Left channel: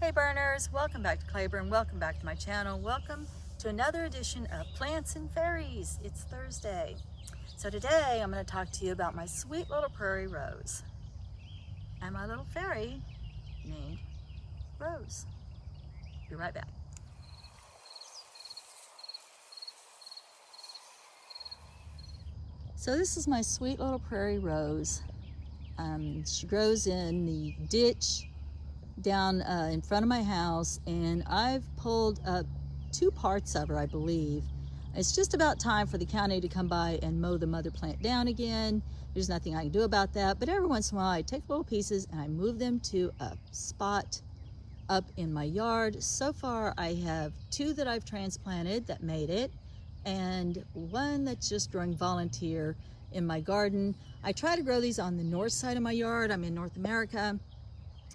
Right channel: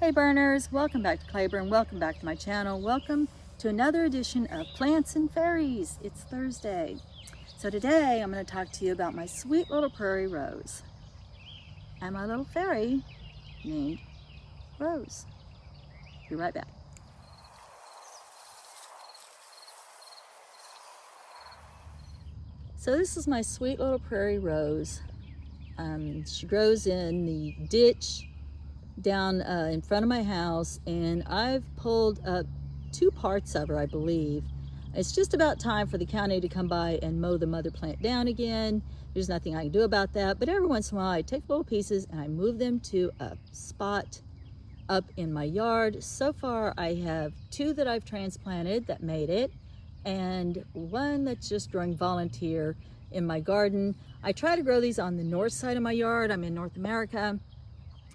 Hey burners, welcome back to Claiborne, welcome back to my channel, welcome to another edition of Plants and Fairies. It's Thursday. So today I'm going to talk to you about my sweet little prairie rose and my little fairy named Rose. Be right back. So this is my sweet little prairie rose. She grows in the ditch down in front of my house, and I've pulled up 2 parts of her, I believe. It's just about time for the county to come by and mow the mother plant down again. There's nothing I can do about that, but every once in a while I take little pieces and I move them to a spot up in my yard. So far I have 2 that I've transplanted that made it, and 1 that's just growing volunteer in my garden. I try to grow these on the north side of my yard. I'm in North America.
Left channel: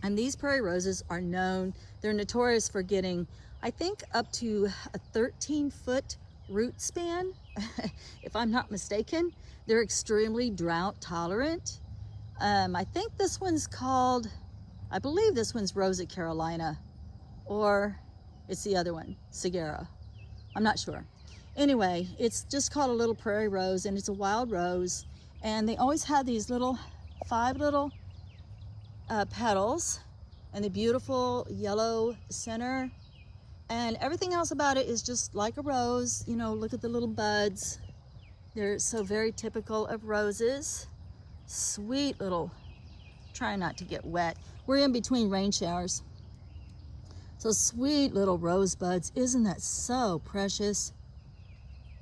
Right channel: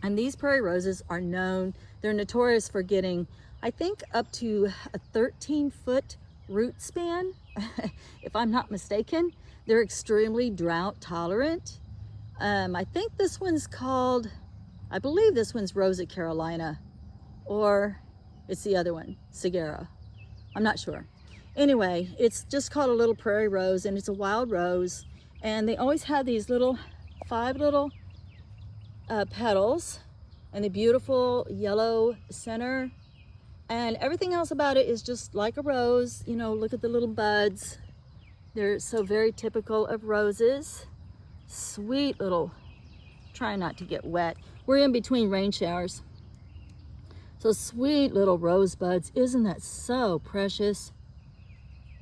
And these prairie roses are known, they're notorious for getting, I think, up to a 13-foot root span, if I'm not mistaken. They're extremely drought tolerant. I think this one's called, I believe this one's Rosa Carolina, or it's the other one, Segura. I'm not sure. Anyway, it's just called a little prairie rose, and it's a wild rose. And they always have these 5 little petals and the beautiful yellow center, and everything else about it is just like a rose. You know, look at the little buds. They're so very typical of roses. Sweet little, try not to get wet. We're in between rain showers. So sweet little rose buds. Isn't that so precious?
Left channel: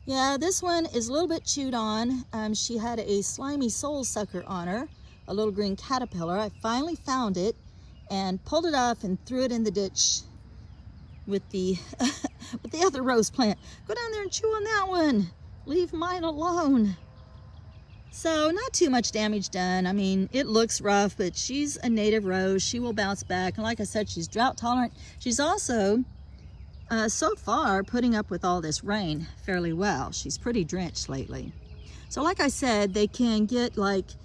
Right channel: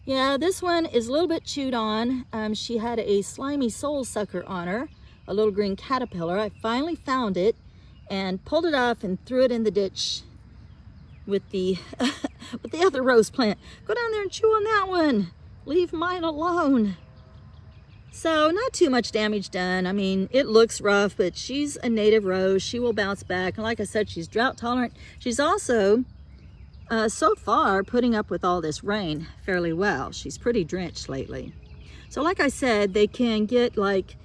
Yeah, this one is a little bit chewed on. She had a slimy soul sucker on her, a little green caterpillar. I finally found it and pulled it off and threw it in the ditch with the with the other rose plant. Go down there and chew on that one. Leave mine alone. So not too much damage done. I mean, it looks rough, but she's a native rose. She will bounce back. And like I said, she's drought tolerant. She's also, so far, putting up with all this rain fairly well. She's pretty drenched lately. So like I said, they can get like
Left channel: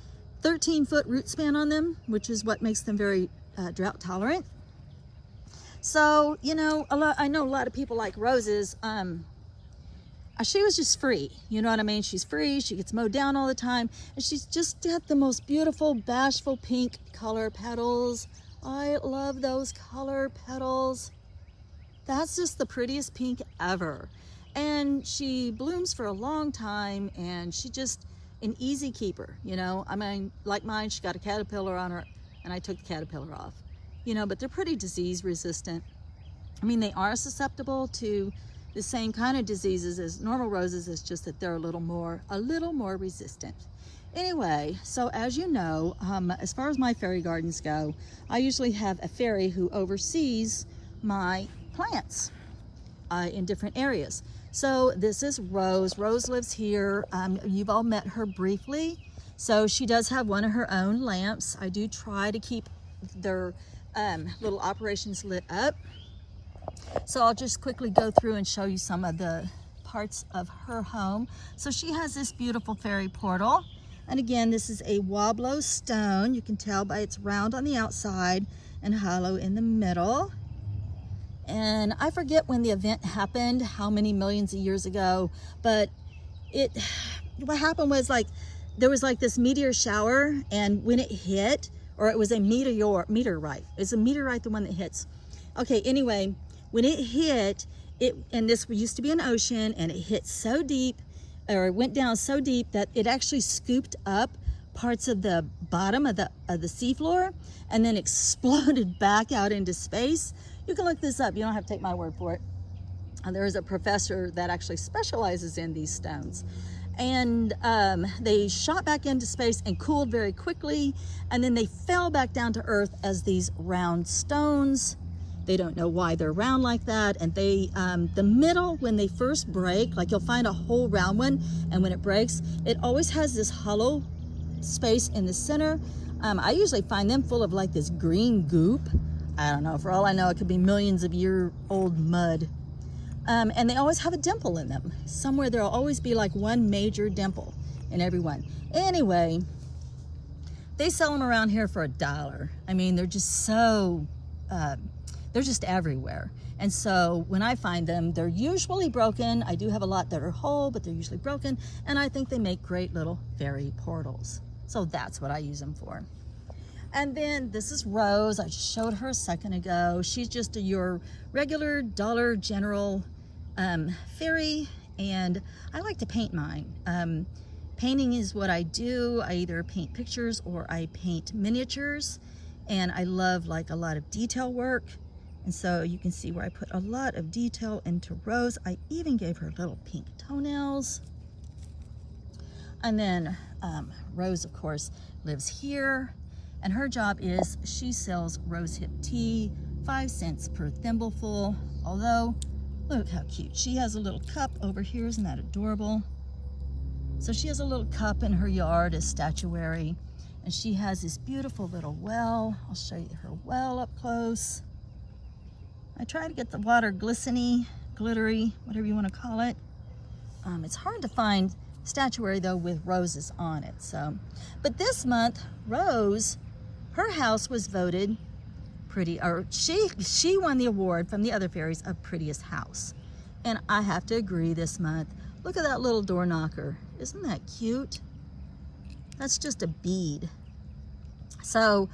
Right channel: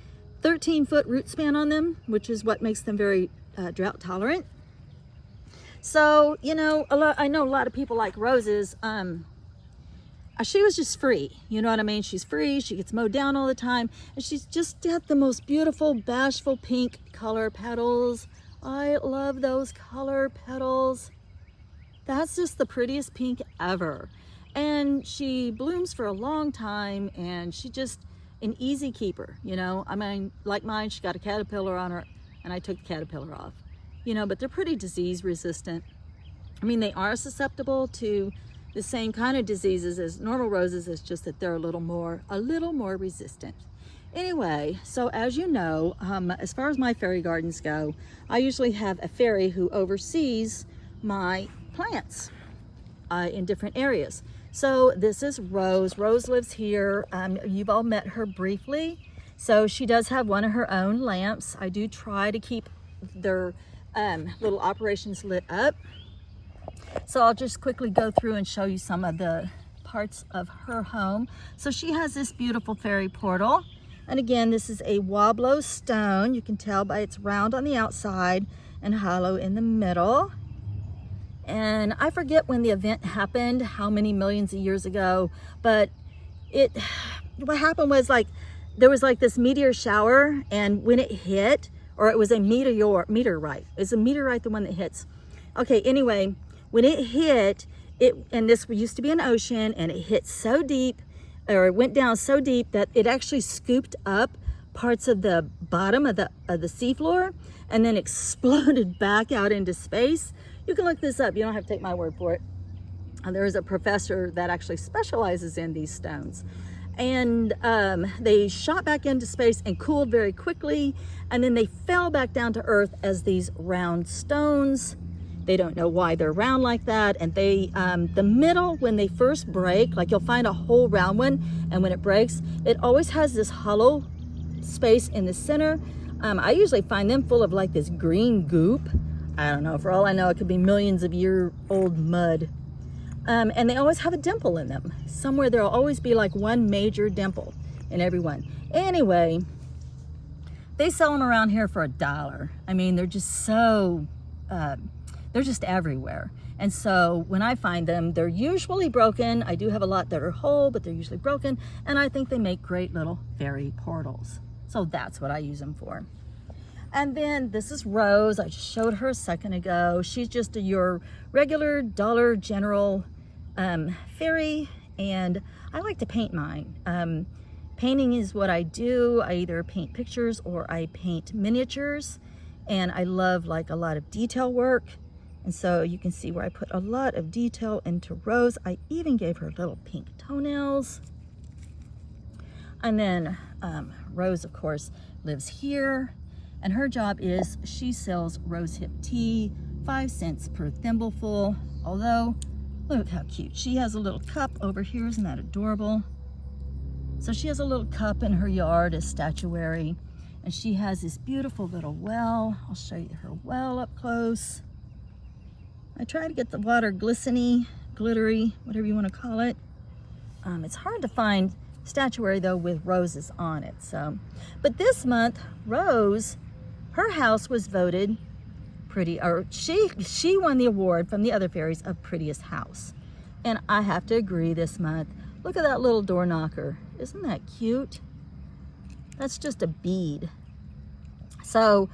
13-foot root span on them, which is what makes them very drought tolerant. So, you know, I know a lot of people like roses. She was just free, you know what I mean? She's free, she gets mowed down all the time, and she's just got the most beautiful, bashful pink color petals. I love those color petals. That's just the prettiest pink ever. And she blooms for a long time, and she just an easy keeper, you know. I mean, like mine, she got a caterpillar on her, and I took the caterpillar off, you know. But they're pretty disease resistant. I mean, they are susceptible to the same kind of diseases as normal roses. It's just that they're a little more resistant. Anyway, so as you know, as far as my fairy gardens go, I usually have a fairy who oversees my plants in different areas. So this is Rose. Rose lives here. You've all met her briefly. So she does have one of her own lamps. I do try to keep their little operations lit up. So I'll just quickly go through and show you some of the parts of her home. So she has this beautiful fairy portal. And again, this is a Wobblo stone. You can tell by it's round on the outside and hollow in the middle. And I forget when the event happened, how many millions of years ago, but what happened was, like, there was like this meteor shower, and when it hit, or it was a meteorite. It's a meteorite, the one that hits. Okay, anyway, when it hit, and this used to be an ocean, and it hit so deep, or it went down so deep that it actually scooped up parts of the bottom of the seafloor, and then exploded back out into space. You can look this up. You don't have to take my word for it. There is a professor that actually specializes in these stones. And they shot back into space and cooled very quickly, and then they fell back down to earth as these round stones. They don't know why they're round like that. And they, the middle, when they first break, like you'll find a whole round one, and when it breaks, it always has this hollow space in the center. I usually find them full of like this green goop. I don't know, for all I know, it could be millions of year old mud. And they always have a dimple in them. Somewhere there'll always be like one major dimple in every one. Anyway, they sell them around here for $1. I mean, they're just so they're just everywhere. And so when I find them, they're usually broken. I do have a lot that are whole, but they're usually broken. And I think they make great little fairy portals. So that's what I use them for. And then this is Rose. I just showed her a second ago. She's just your regular Dollar General fairy. And I like to paint mine. Painting is what I do. I either paint pictures or I paint miniatures. And I love like a lot of detail work. And so you can see where I put a lot of detail into Rose. I even gave her little pink toenails. And then Rose, of course, lives here. And her job is she sells rosehip tea, 5 cents per thimbleful. Although, look how cute. She has a little cup over here. Isn't that adorable? So she has a little cup in her yard as statuary. And she has this beautiful little well. I'll show you her well up close. I try to get the water glisteny, glittery, whatever you want to call it. It's hard to find statuary though with roses on it. So, but this month, Rose, her house was voted pretty, or she won the award from the other fairies of prettiest house. And I have to agree this month. Look at that little door knocker. Isn't that cute? That's just a bead. So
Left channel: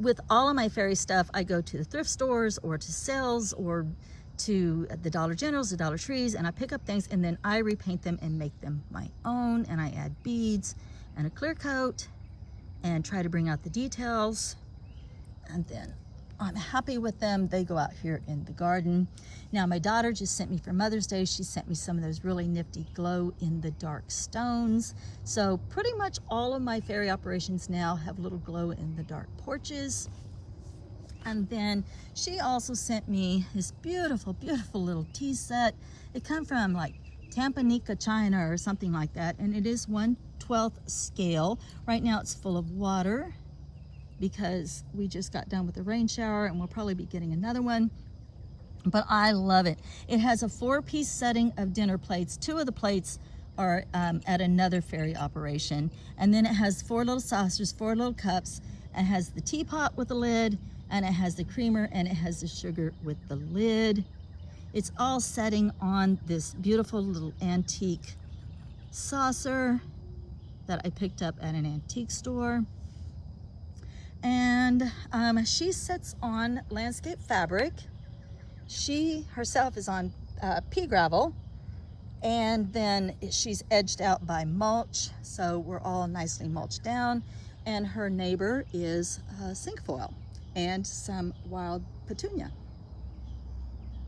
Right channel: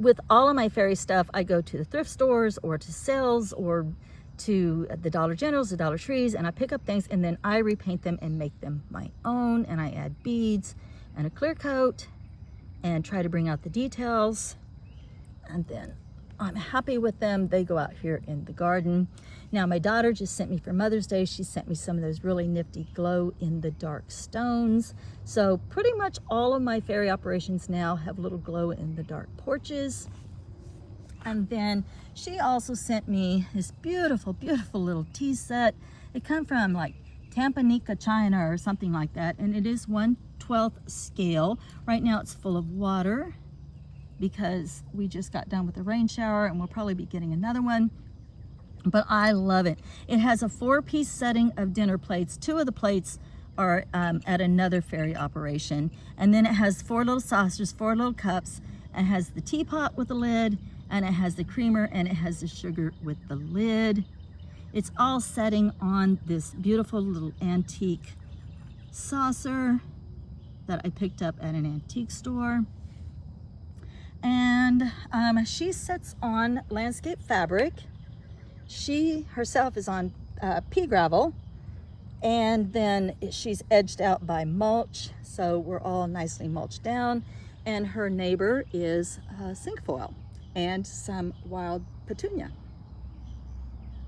with all of my fairy stuff, I go to the thrift stores or to sales or to the Dollar Generals, the Dollar Trees, and I pick up things and then I repaint them and make them my own. And I add beads and a clear coat and try to bring out the details. And then I'm happy with them. They go out here in the garden. Now my daughter just sent me for Mother's Day, she sent me some of those really nifty glow in the dark stones. So pretty much all of my fairy operations now have little glow in the dark porches. And then she also sent me this beautiful, beautiful little tea set. It comes from like Tampanica, China or something like that. And it is 1/12 scale. Right now it's full of water because we just got done with the rain shower and we'll probably be getting another one. But I love it. It has a 4-piece setting of dinner plates. 2 of the plates are at another fairy operation. And then it has 4 little saucers, 4 little cups, and has the teapot with the lid, and it has the creamer, and it has the sugar with the lid. It's all setting on this beautiful little antique saucer that I picked up at an antique store. And she sits on landscape fabric. She herself is on pea gravel, and then she's edged out by mulch, so we're all nicely mulched down. And her neighbor is cinquefoil and some wild petunia.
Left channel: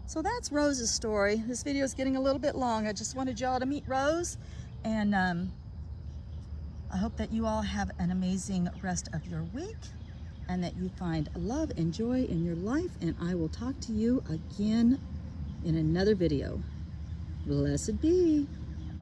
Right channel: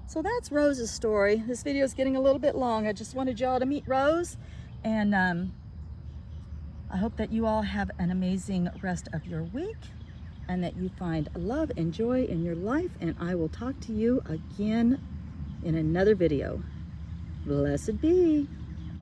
So that's Rose's story. This video is getting a little bit long. I just wanted y'all to meet Rose, and I hope that you all have an amazing rest of your week and that you find love and joy in your life, and I will talk to you again in another video. Blessed be.